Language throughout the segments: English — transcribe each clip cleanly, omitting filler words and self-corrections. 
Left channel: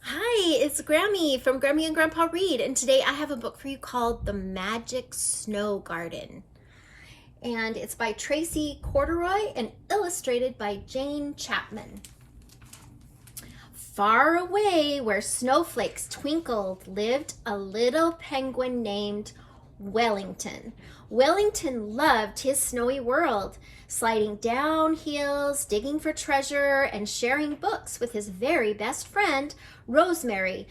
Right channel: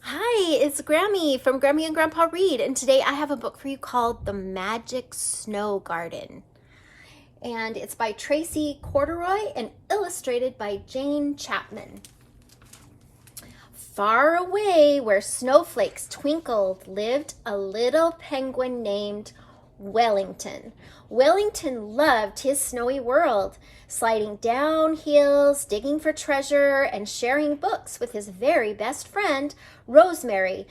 Hi, it's Grammy from Grammy and Grandpa Read, and today I have a book for you called The Magic Snow Garden. And it's by Tracey Corderoy and illustrated by Jane Chapman. Far away, where snowflakes twinkled, lived a little penguin named Wellington. Wellington loved his snowy world, sliding down hills, digging for treasure, and sharing books with his very best friend, Rosemary.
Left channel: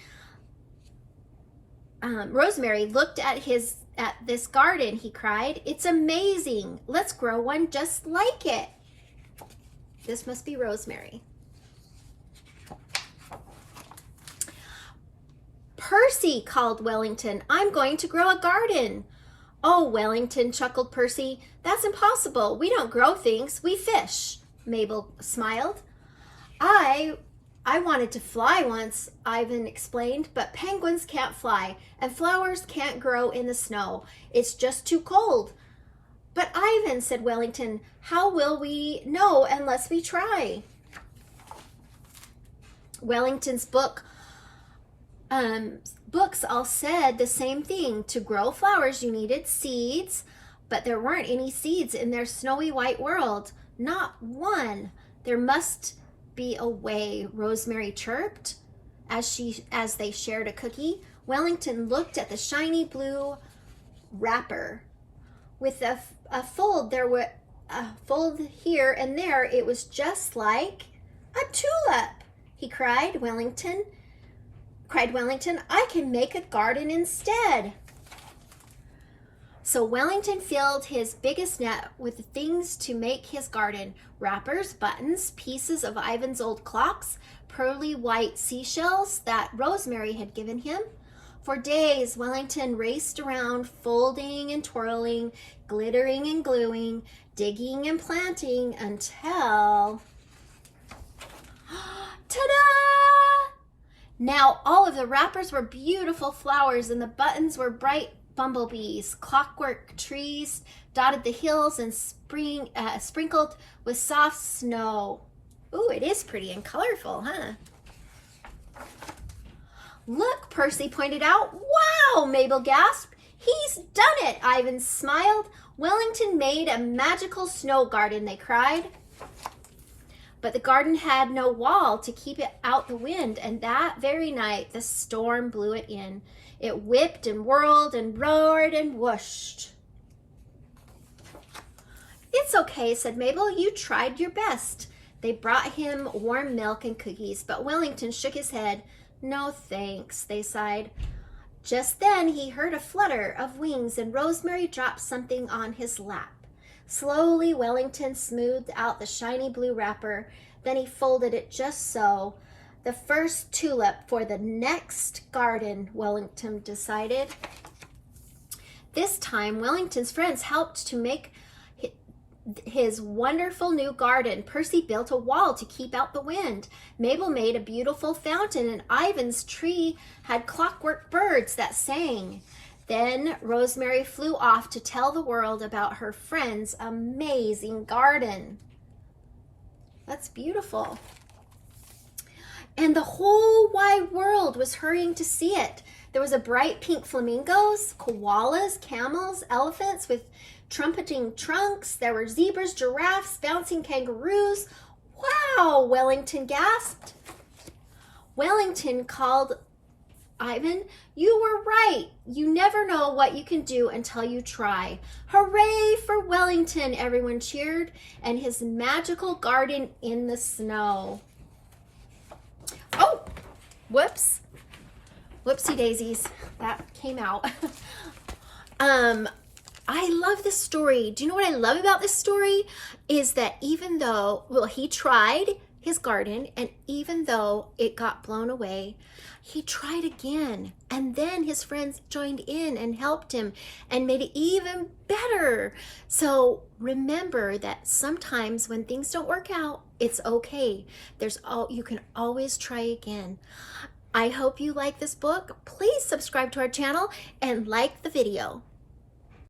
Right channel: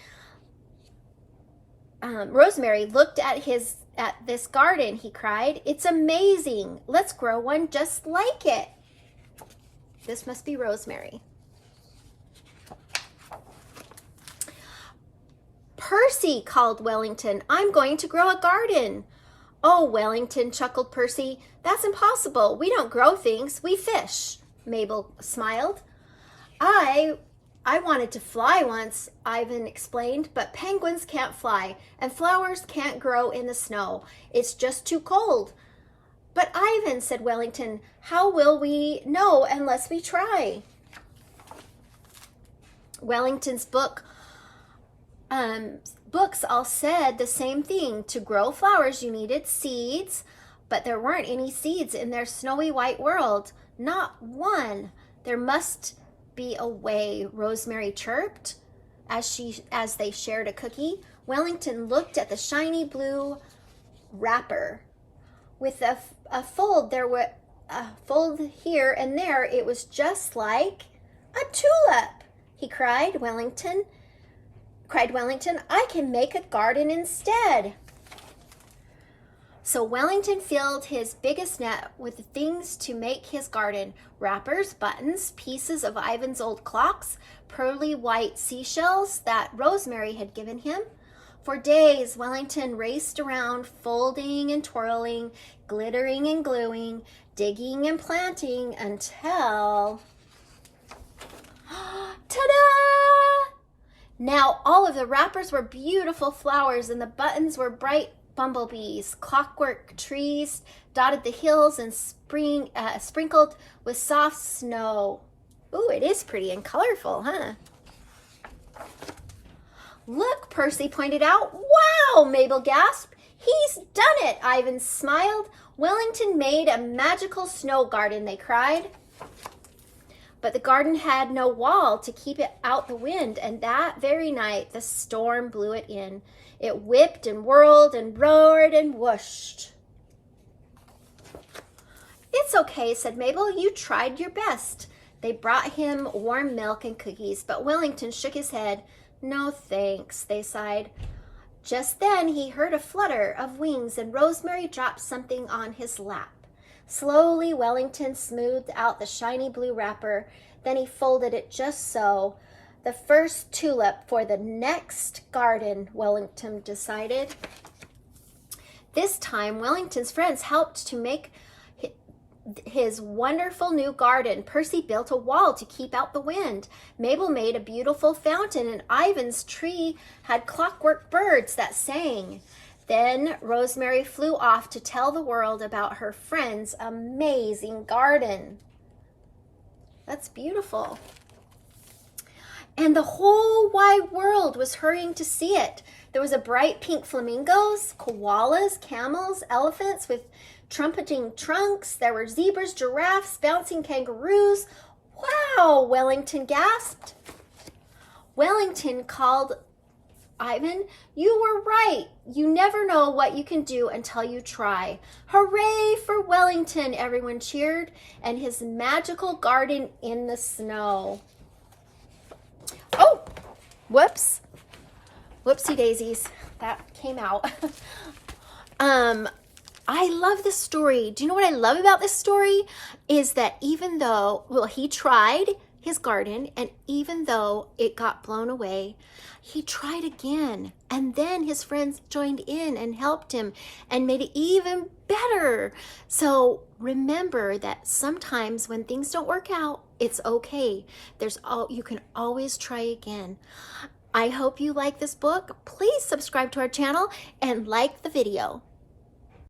Rosemary looked at this garden, he cried. It's amazing. Let's grow one just like it. This must be Rosemary. Percy, called Wellington, I'm going to grow a garden. Oh, Wellington, chuckled Percy, that's impossible. We don't grow things, we fish. Mabel smiled. I wanted to fly once, Ivan explained, but penguins can't fly and flowers can't grow in the snow. It's just too cold. But Ivan, said Wellington, how will we know unless we try? Wellington's books all said the same thing. To grow flowers, you needed seeds, but there weren't any seeds in their snowy white world. Not one. There must be a way, Rosemary chirped as they shared a cookie. Wellington looked at the shiny blue wrapper. With a fold here and there, it was just like a tulip. He cried, Wellington, I can make a garden instead. So Wellington filled his biggest net with things to make his garden: wrappers, buttons, pieces of Ivan's old clocks, pearly white seashells that Rosemary had given him. For days, Wellington raced around, folding and twirling, glittering and gluing, digging and planting until... Ta-da! Now all of the wrappers were beautiful flowers and the buttons were bright bumblebees. Clockwork trees dotted the hills and sprinkled with soft snow. Ooh, it is pretty and colorful, huh? Look, Percy pointed out. Wow, Mabel gasped. He's done it, Ivan smiled. Wellington made a magical snow garden, they cried. But the garden had no wall to keep it out the wind, and that very night the storm blew it in. It whipped and whirled and roared and whooshed. It's okay, said Mabel. You tried your best. They brought him warm milk and cookies, but Wellington shook his head. No thanks, they sighed. Just then he heard a flutter of wings, and Rosemary dropped something on his lap. Slowly, Wellington smoothed out the shiny blue wrapper. Then he folded it just so. The first tulip for the next garden, Wellington decided. This time, Wellington's friends helped to make his wonderful new garden. Percy built a wall to keep out the wind. Mabel made a beautiful fountain, and Ivan's tree had clockwork birds that sang. Then Rosemary flew off to tell the world about her friend's amazing garden. That's beautiful. And the whole wide world was hurrying to see it. There was a bright pink flamingos, koalas, camels, elephants with trumpeting trunks. There were zebras, giraffes, bouncing kangaroos. Wow, Wellington gasped. Wellington called Ivan, you were right. You never know what you can do until you try. Hooray for Wellington, everyone cheered, and his magical garden in the snow. Oh, whoops. Whoopsie daisies. That came out. I love this story. Do you know what I love about this story? Is that even though, he tried his garden, and even though it got blown away, he tried again, and then his friends joined in and helped him and made it even better. So remember that sometimes when things don't work out, it's okay. You can always try again. I hope you like this book. Please subscribe to our channel and like the video.